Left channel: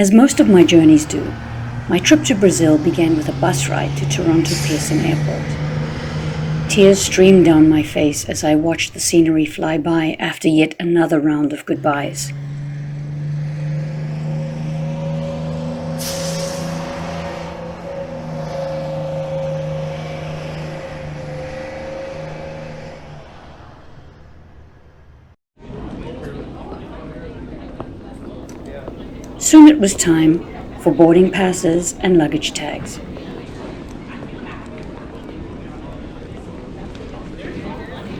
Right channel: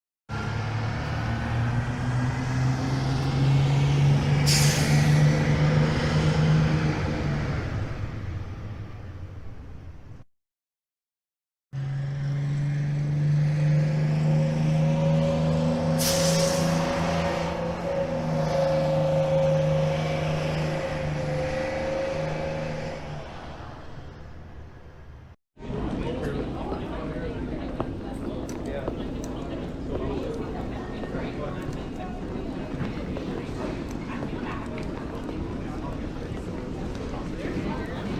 As most of my journeys do, my trip to Brazil began with a bus ride to Toronto Pearson Airport. Tears streamed down my face as I watched the scenery fly by after yet another round of goodbyes. Soon it was time for boarding passes and luggage tags.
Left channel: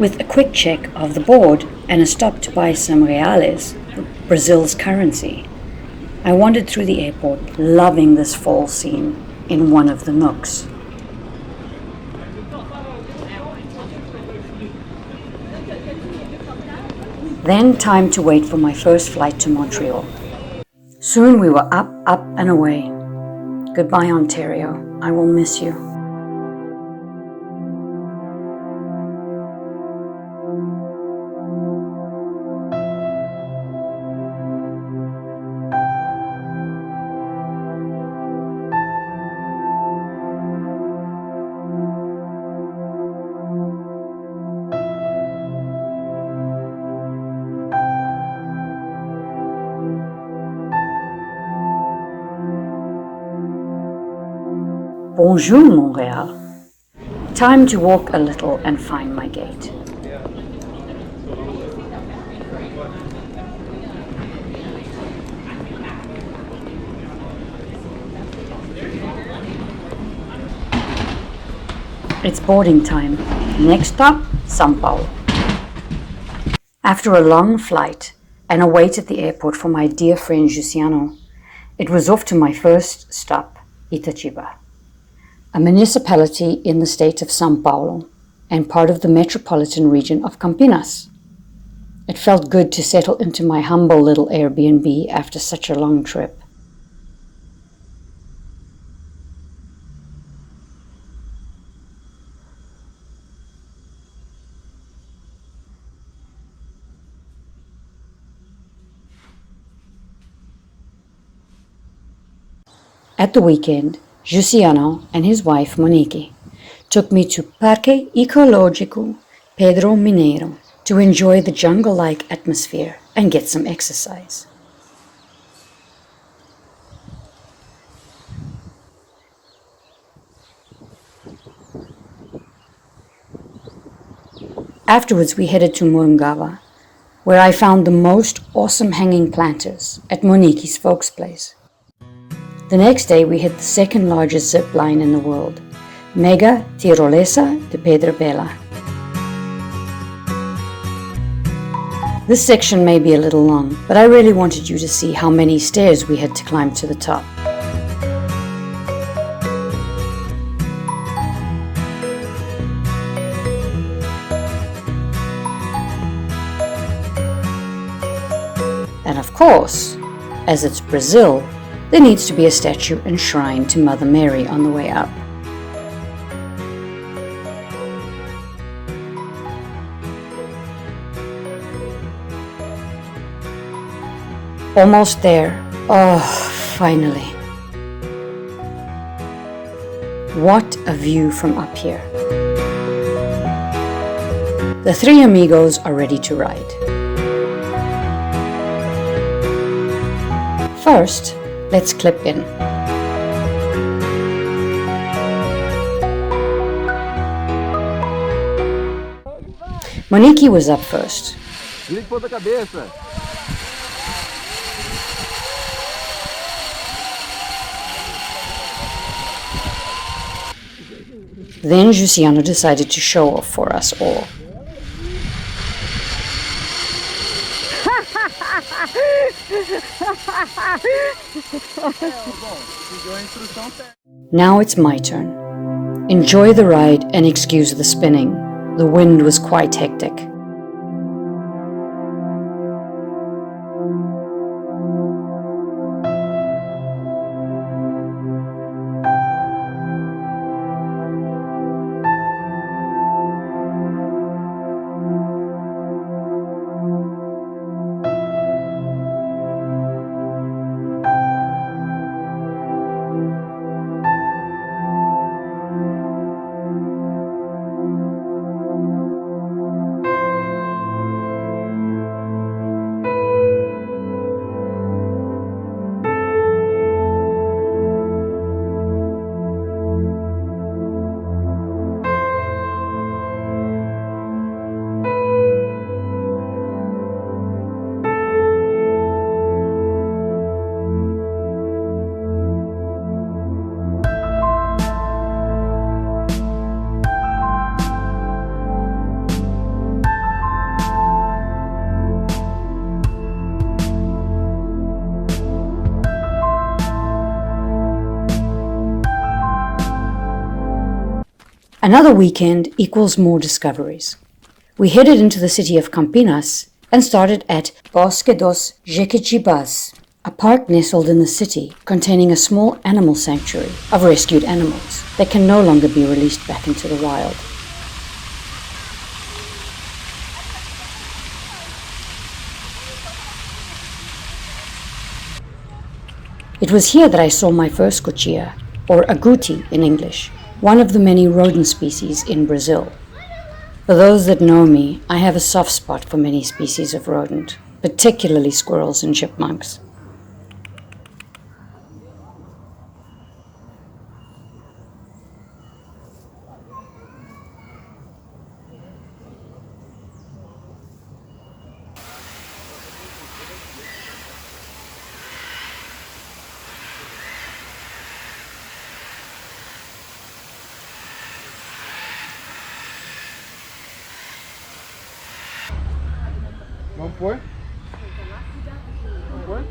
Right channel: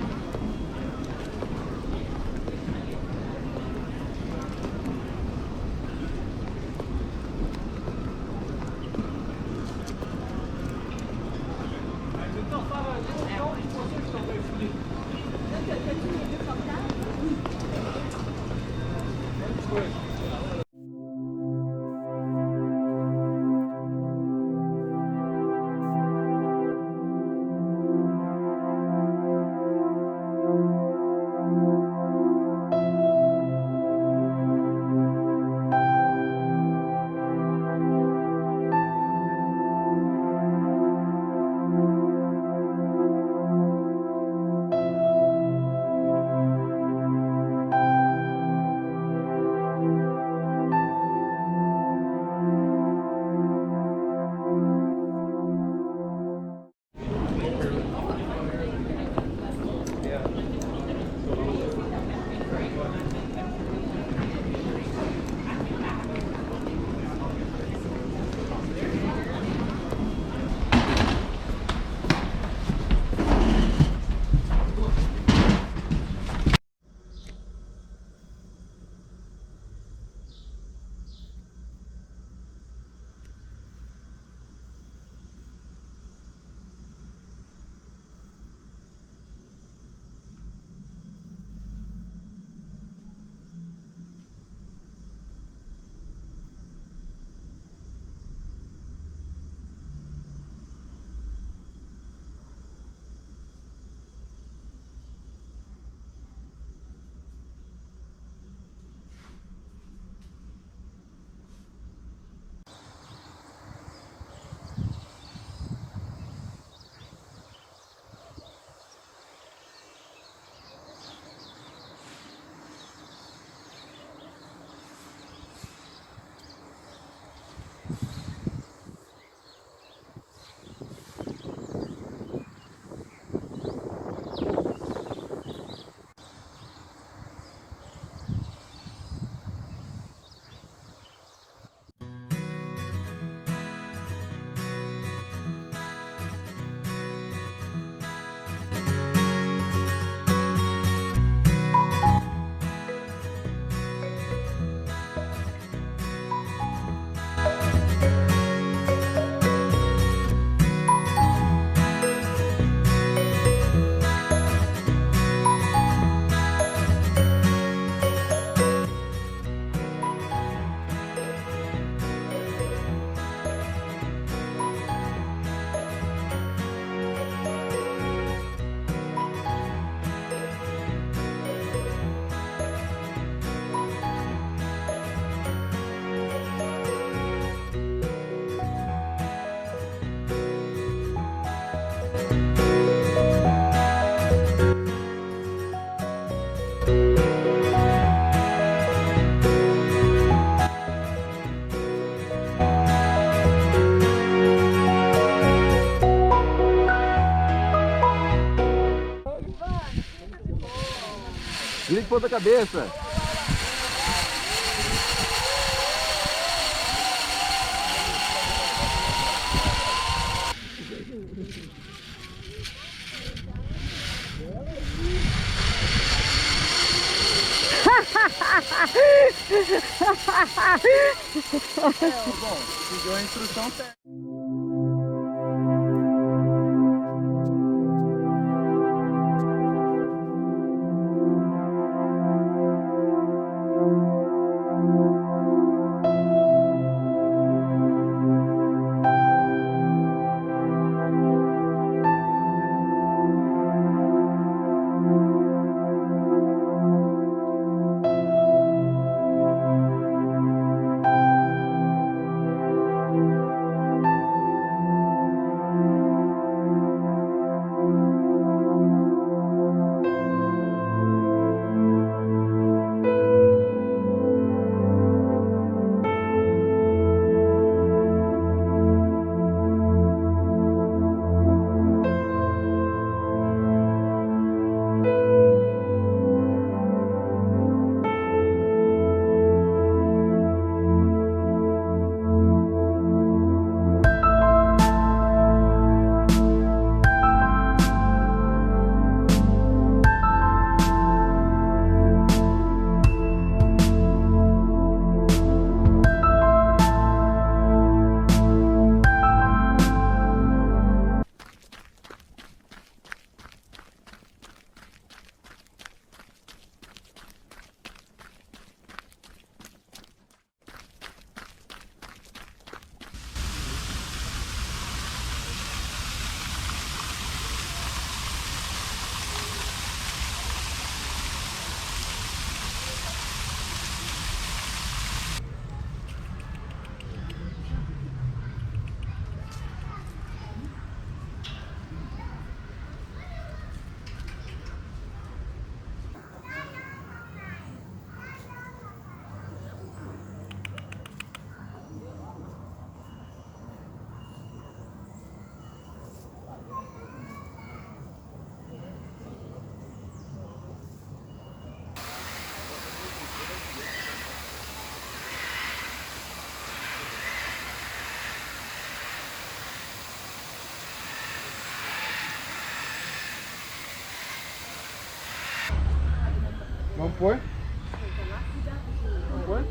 With a quick check of the board and a stop to buy some reales, Brazil's currency, I wandered through the airport, loving this fall scene in one of the nooks. Then time to wait for my first flight to Montreal. Soon we were up, and away. Goodbye, Ontario. I will miss you. Bonjour, Montréal. Time to walk a little and find my gate. It's boarding time. Next stop, São Paulo. After a long flight and a wait at the airport for my dear friend Jussiano, it was off to my first stop, Itatiba, a municipality in the state of São Paulo and part of the metropolitan region of Campinas. It felt good to settle into my humble little Airbnb after such a long trip. At the weekend, Jussiano and his wife Monique took me to Parque Ecológico Pedro Mineiro to enjoy the jungle-like atmosphere and get some exercise. Afterwards we headed to Morungava, where I found the most awesome hanging planters at Monique's folks' place. The next day we hit the second largest zip line in the world, Mega Tirolesa de Pedra Bela. This section may be a little long, but I really wanted you to see how many stairs we had to climb to the top. And of course, as it's Brazil, there needs to be a statue and shrine to Mother Mary on the way up. Almost there. Oh, finally. What a view from up here. The three amigos are ready to ride. First, let's clip in. Monique was up first. Then Jussiano decided to show off for us all. Now it's my turn. Enjoy the ride and excuse the spinning. The wind was quite hectic. Another weekend equals more discoveries. We headed into the city of Campinas and started at Bosque dos Jequitibás, a park nestled in the city containing a small animal sanctuary of rescued animals that can no longer be released back into the wild. It was here that I saw my first cotia, or agouti in English, one of the many rodent species in Brazil. For those that know me, I have a soft spot for many species of rodent, particularly squirrels and chipmunks. Vamos pôr? Vamos pôr?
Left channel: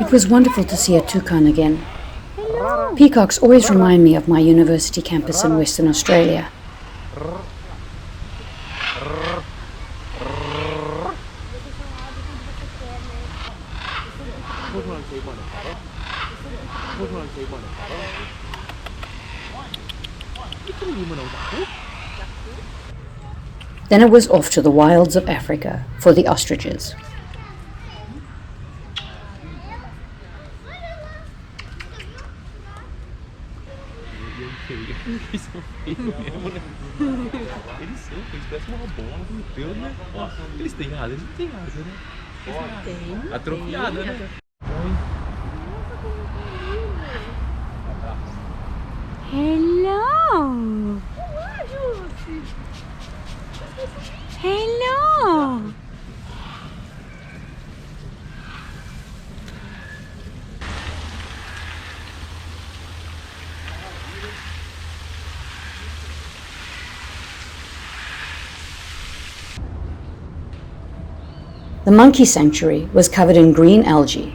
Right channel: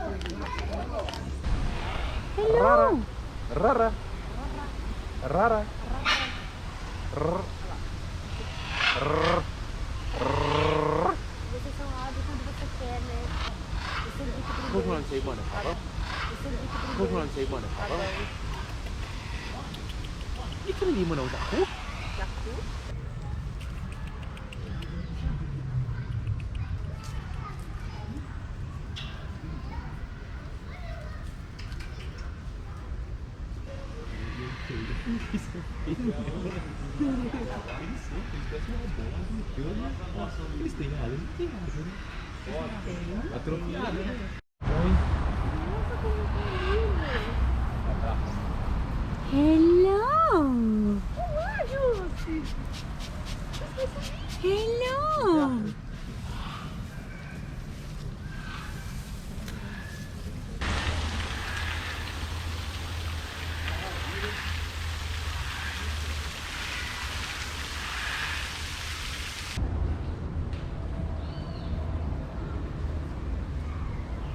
It was wonderful to see a toucan again. Peacocks always remind me of my university campus in Western Australia. Then it was off to the wilds of Africa for the ostriches. Atrofiado, né? Hello! Hello! The monkey sanctuary was covered in green algae,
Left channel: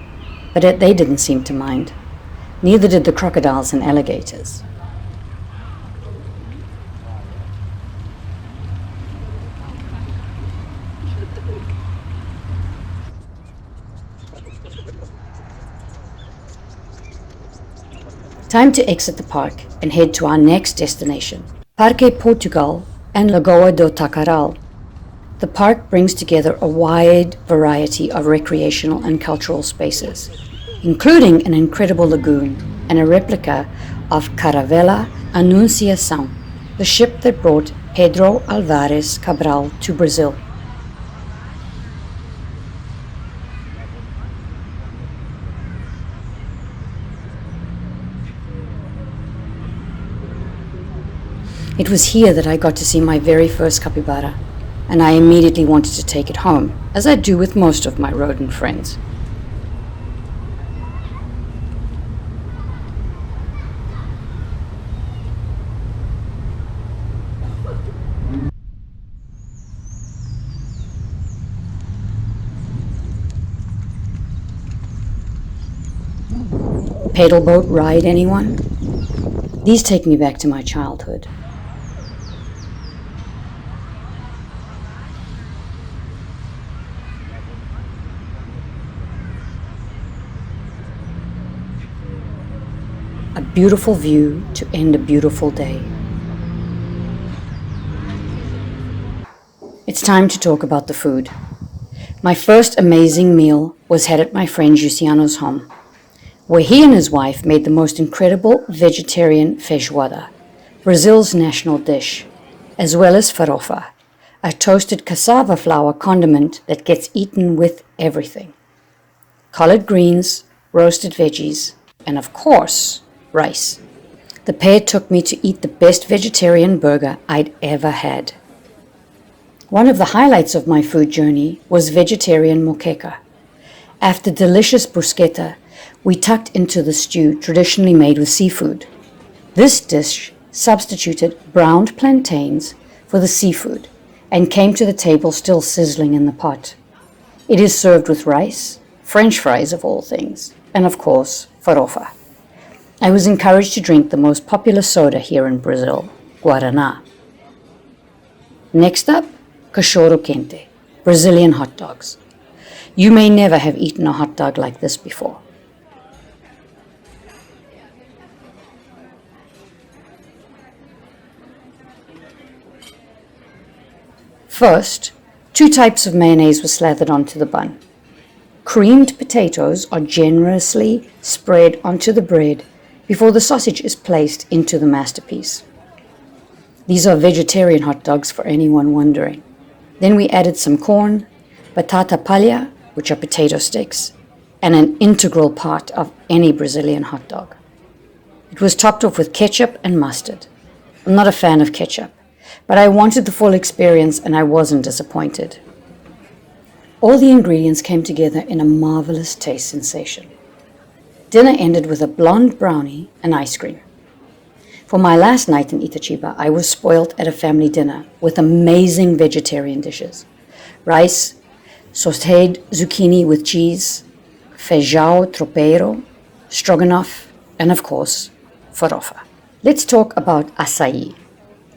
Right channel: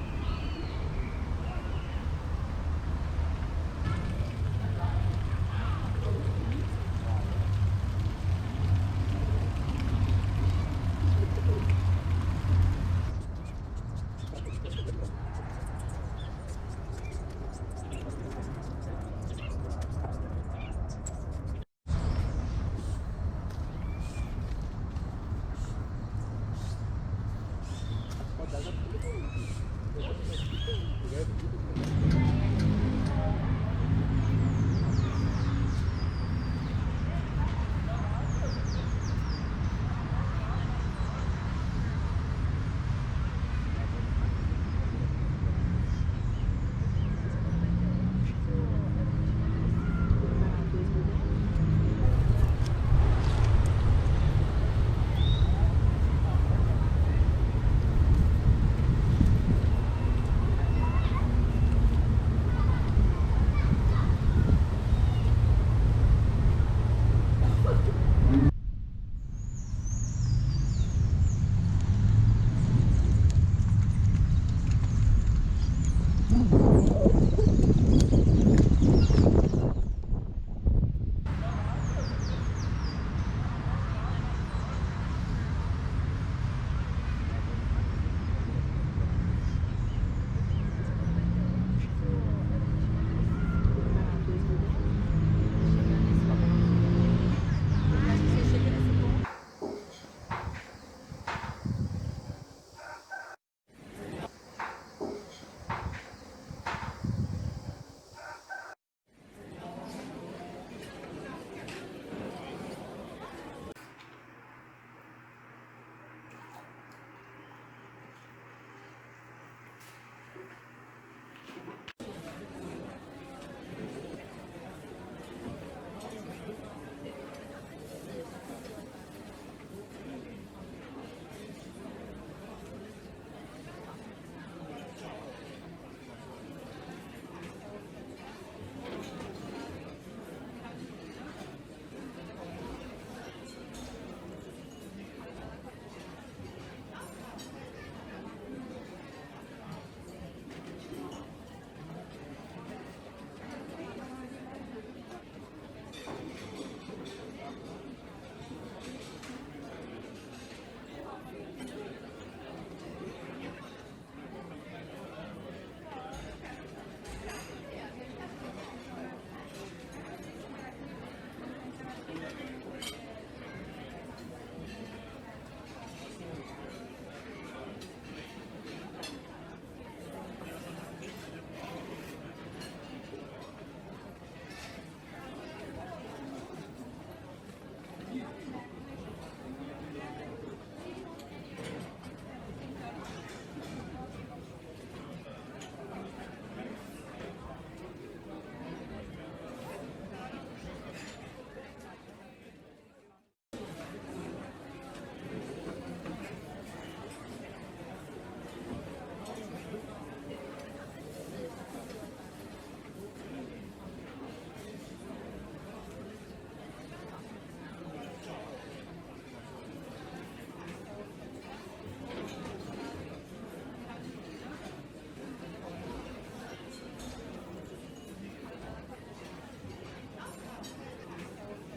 but they didn't seem to mind. Neither did the crocodiles and alligators. Time to exit the park and head to our next destination, Parque, Portugal and Lagoa do Taquaral. The park brings together a wide variety of recreational and cultural spaces, including an incredible lagoon and a replica of Caravela Anunciação, the ship that brought Pedro Álvares Cabral to Brazil. It was here that I got to see my very first capybara, and I immediately wanted to take it home, as I do with most of my rodent friends. Paddle boat ride, anyone? These take me back to my childhood. A beautiful view to end a beautiful day. It's time to talk about the food. My first amazing meal was had at my friend Luciano's home, where he and his wife made the most incredible vegetarian feijoada, Brazil's national dish, as well as farofa, a toasted cassava flour condiment that gets eaten with everything. Collard greens, roasted veggies, and of course, rice. The pair took me to eat the best vegetarian burger I'd ever had. One of the highlights of my food journey was vegetarian moqueca. After delicious bruschetta, we tucked into the stew traditionally made with seafood. This dish substituted browned plantains for the seafood and came to the table still sizzling in the pot. It is served with rice, French fries of all things, and of course, farofa. I was encouraged to drink the most popular soda here in Brazil, Guaraná. Next up, cachorro-quente, Brazilian hot dogs. You may never have eaten a hot dog like this before. First, 2 types of mayonnaise were slathered onto the bun. Creamed potatoes are generously spread onto the bread before the sausage is placed into the masterpiece. These are vegetarian hot dogs for anyone wondering. Then we added some corn, batata palha, which are potato sticks, and an integral part of any Brazilian hot dog. It was topped off with ketchup and mustard. I'm not a fan of ketchup, but I wanted the full experience and I wasn't disappointed. All the ingredients came together in a marvelous taste sensation. Dinner ended with a blonde brownie and ice cream. For my last night in Itatiba, I was spoiled at a family dinner with amazing vegetarian dishes. Rice, sautéed zucchini with cheese, feijão tropeiro, stroganoff, and of course, farofa. Let's talk about açaí.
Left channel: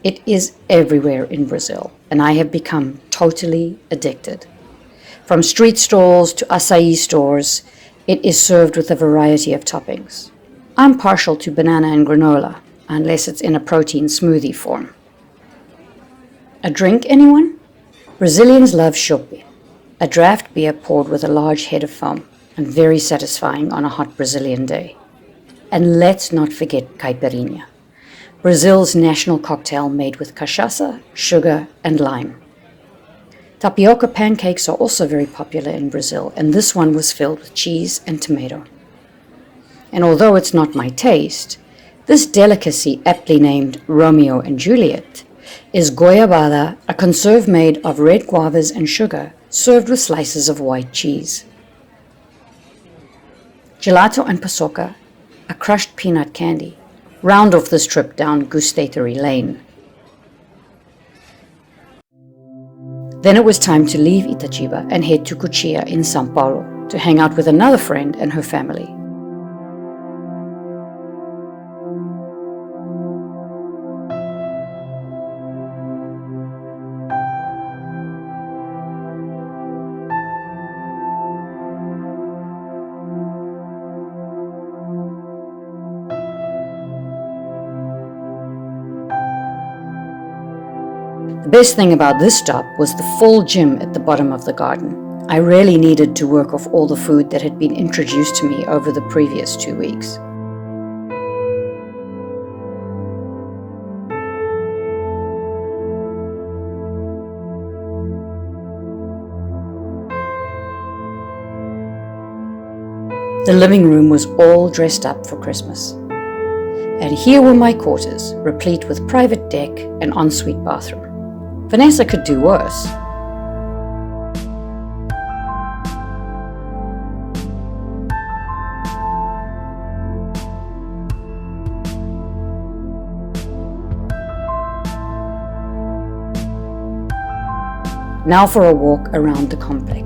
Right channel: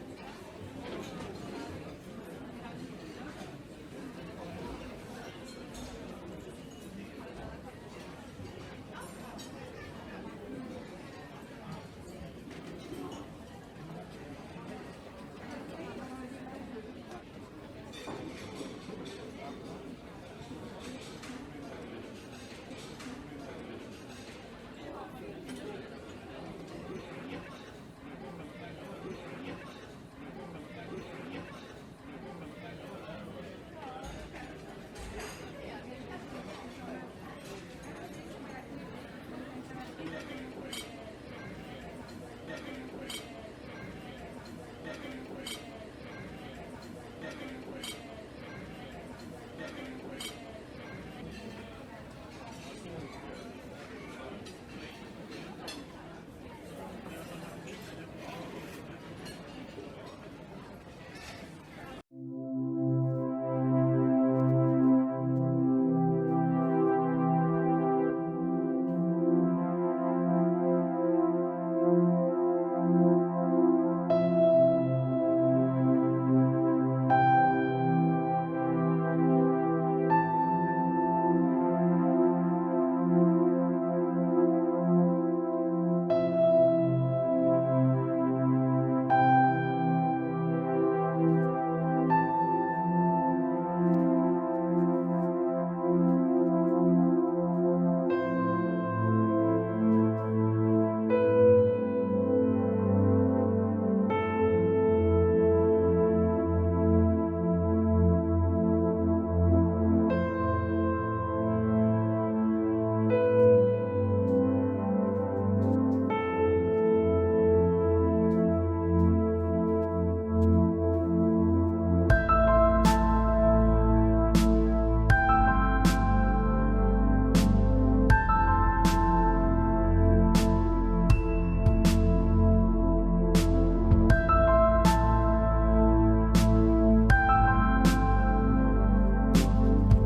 It is everywhere in Brazil, and I have become totally addicted. From street stalls to açaí stores, it is served with a variety of toppings. I'm partial to banana and granola, unless it's in a protein smoothie form. A drink, anyone? Brazilians love chopp, a draft beer poured with a large head of foam, and very satisfying on a hot Brazilian day. And let's not forget caipirinha, Brazil's national cocktail made with cachaça, sugar, and lime. Tapioca pancakes are also very popular in Brazil, and this one was filled with cheese and tomato. And although it's not my taste, this delicacy, aptly named Romeo and Juliet, is goiabada, a conserve made of red guavas and sugar, served with slices of white cheese. Gelato and paçoca, a crushed peanut candy, round off this trip down gustatory lane. Then it was time to leave Itatiba and head to Cotia in São Paulo to hang out with another friend and her family. The best thing about this stop was the full gym at the bottom of the garden. I really needed to work off all the food that had been introduced to me over the previous 2 weeks. The living room was all dressed up for Christmas. And here were my quarters, replete with private deck and ensuite bathroom. Vanessa could do worse. Now for a walk around the complex.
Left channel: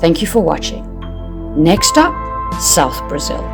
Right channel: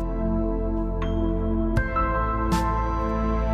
Thank you for watching. Next up, South Brazil.